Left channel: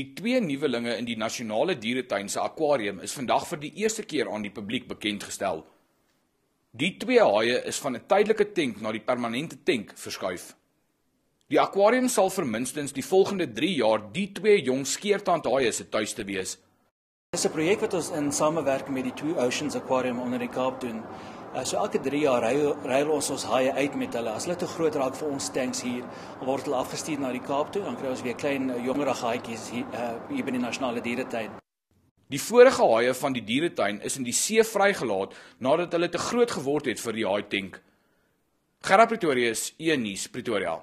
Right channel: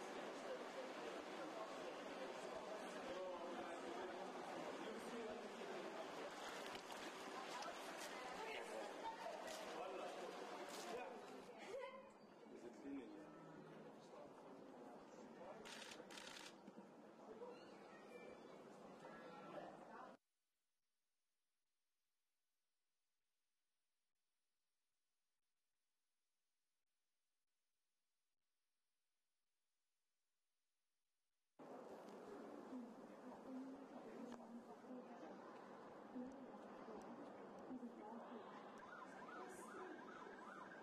Die 2 nuwelinge in die Nasionale Dieretuin se akwarium is vandag vir die eerste keer aan die publiek bekendgestel. Die 2 haie is van 'n tydelike tank na die permanente tank verskuif. Die akwarium sal vir minstens die volgende 3 jaar die 2 jong skeertandhaie se tuiste wees. Dit is 'n projek wat ons in samewerking met die Two Oceans Aquarium onder die Kaap doen. So elke 3 jaar ruil ons haie uit met hulle. As hulle te groot raak vir ons tanks hier, dan word hulle afgestuur na die Kaap toe. Dan kry ons weer klein jongerige haaitjies hier by die Nasionale Dieretuin. Die vorige haie van die dieretuin is in die see vrygelaat nadat hulle te groot geword het vir die haaitank. Gerard Pretorius, E-nuus, Pretoria.